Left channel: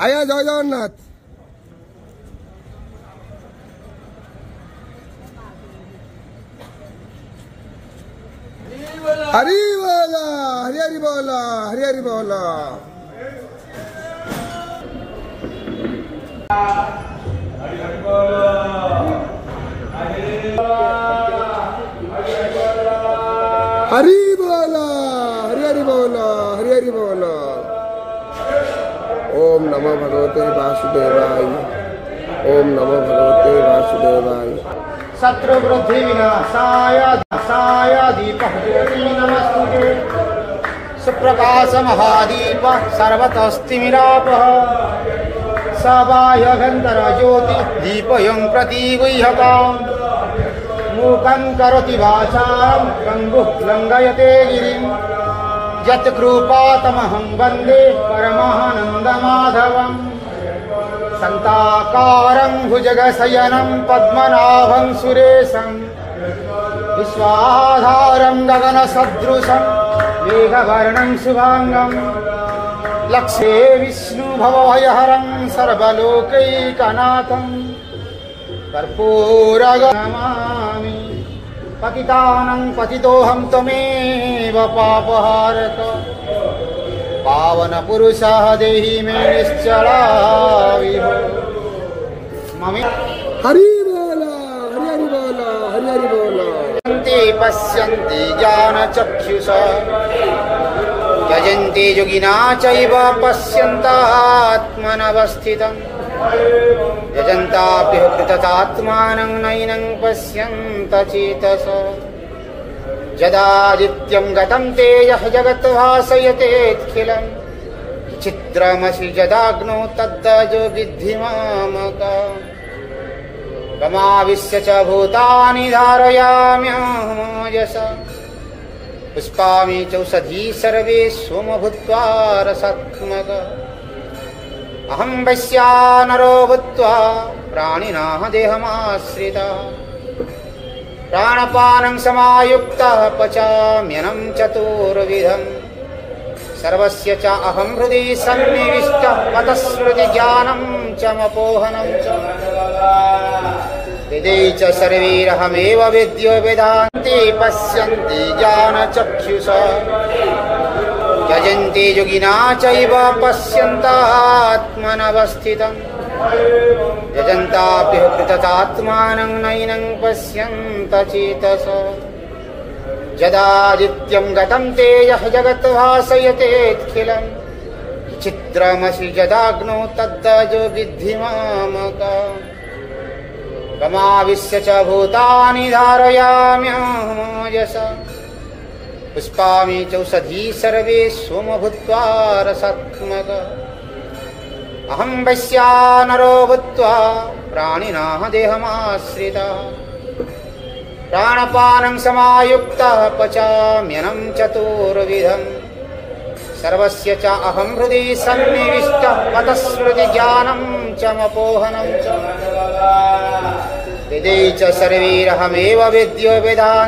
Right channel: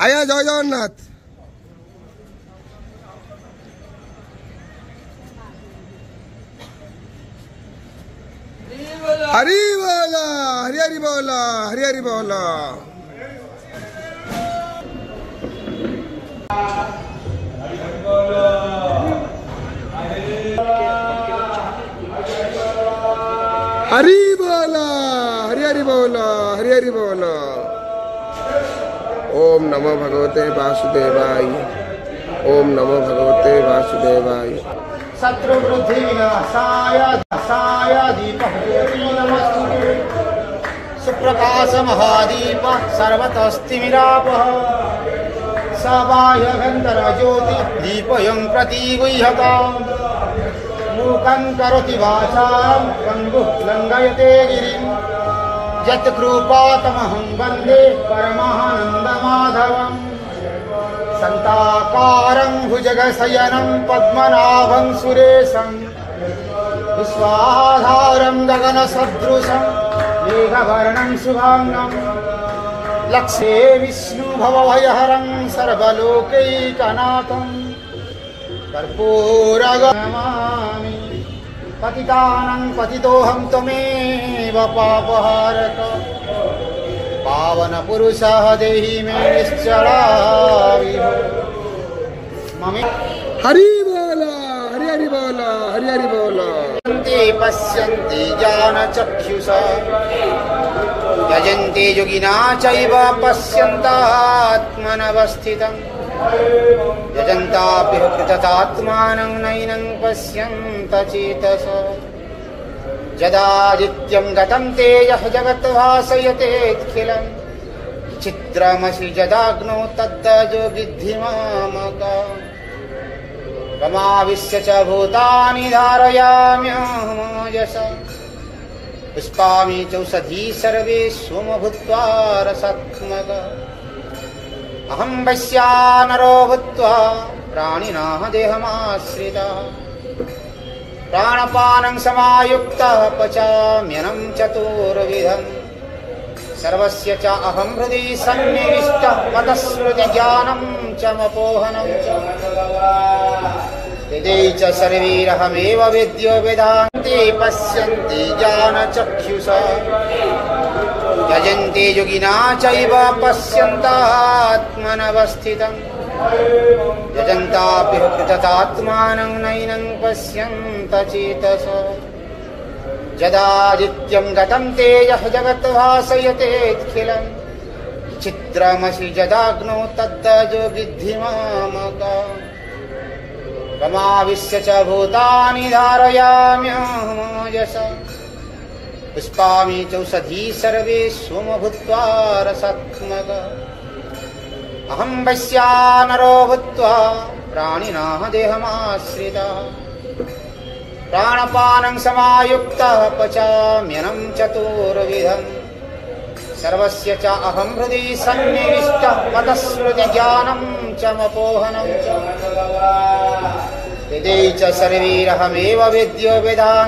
आया जय जगन्नाथ। हरि बोला, हरि हरि बोला, हरि हरि बोला। हरि बोला, हरि हरि बोला, हरि हरि बोला। ओम नमो भगवते वासुदेवाय, ओम नमो भगवते वासुदेवाय। शत्रु वृद्धि विनाशाय दीपः ज्योति नमस्तुते। सुप्रकाश महादीप सर्वतस्तिमिरापः। सबाह्यभ्यन्तर ज्योति दीपयं प्रतिगुह्यताम्। मूकं करोति वाचां पङ्गुः लङ्घयते गिरिं। यत्कृपातमहं वन्दे परमानन्दमाधवम्। शान्ताकारं भुजगशयनं पद्मनाभं सुरेशं। विश्वाधारं गगनसदृशं मेघवर्णं शुभांगं। लक्ष्ये विष्णुभवभयहरं सर्वलोकैकनाथं। कर्पूरगणमामि पतितानं पतितोऽहं त्वमेव पापहारक। पावन पुरुषः देहि मे निश्चलाविहो। हरि बोला, हरि हरि बोला, हरि हरि बोला। पश्यन्ति ज्ञानचक्षुषा यजन्ति योगिना चैव पश्यन्तात्मनवस्थितम्। यजन्ताभ्यः कृततात्मानं नैनं पश्यन्त चेतसा। यदादित्यं गतं तेजः जगद्भासयतेऽखिलम्। चित्रमसि यदाग्नौ तद्दजो विद्धि मामकम्। तमाविश्य च भूतानि धारयाम्यहमोजसा। पुष्पामि चौषधी सर्वे सोम भूत्वा रसात्मकः। अहं वैश्वानरो भूत्वा प्राणिनः देहमाश्रितः। प्राणपानं समायुक्तः पचाम्यन्नं चतुर्विधम्। सर्वस्य च अहं हृदि सन्निविष्टः। मतस्मृतिज्ञानं च मपोहनं च। वेदै च सर्वैरहमेव वेद्यो वेदान्ते पश्यन्ति ज्ञानचक्षुषा। यजन्ति योगिना चैव पश्यन्तात्मनवस्थितम्। यजन्ताभ्यः कृततात्मानं नैनं पश्यन्त चेतसा। यदादित्यं गतं तेजः जगद्भासयतेऽखिलम्। चित्रमसि यदाग्नौ तद्दजो विद्धि मामकम्। तमाविश्य च भूतानि धारयाम्यहमोजसा। पुष्पामि चौषधी सर्वे सोम भूत्वा रसात्मकः। अहं वैश्वानरो भूत्वा प्राणिनः देहमाश्रितः। प्राणपानं समायुक्तः पचाम्यन्नं चतुर्विधम्। सर्वस्य च अहं हृदि सन्निविष्टः। मतस्मृतिज्ञानं च मपोहनं च। वेदै च सर्वैरहमेव वेद्यो वेदान्ते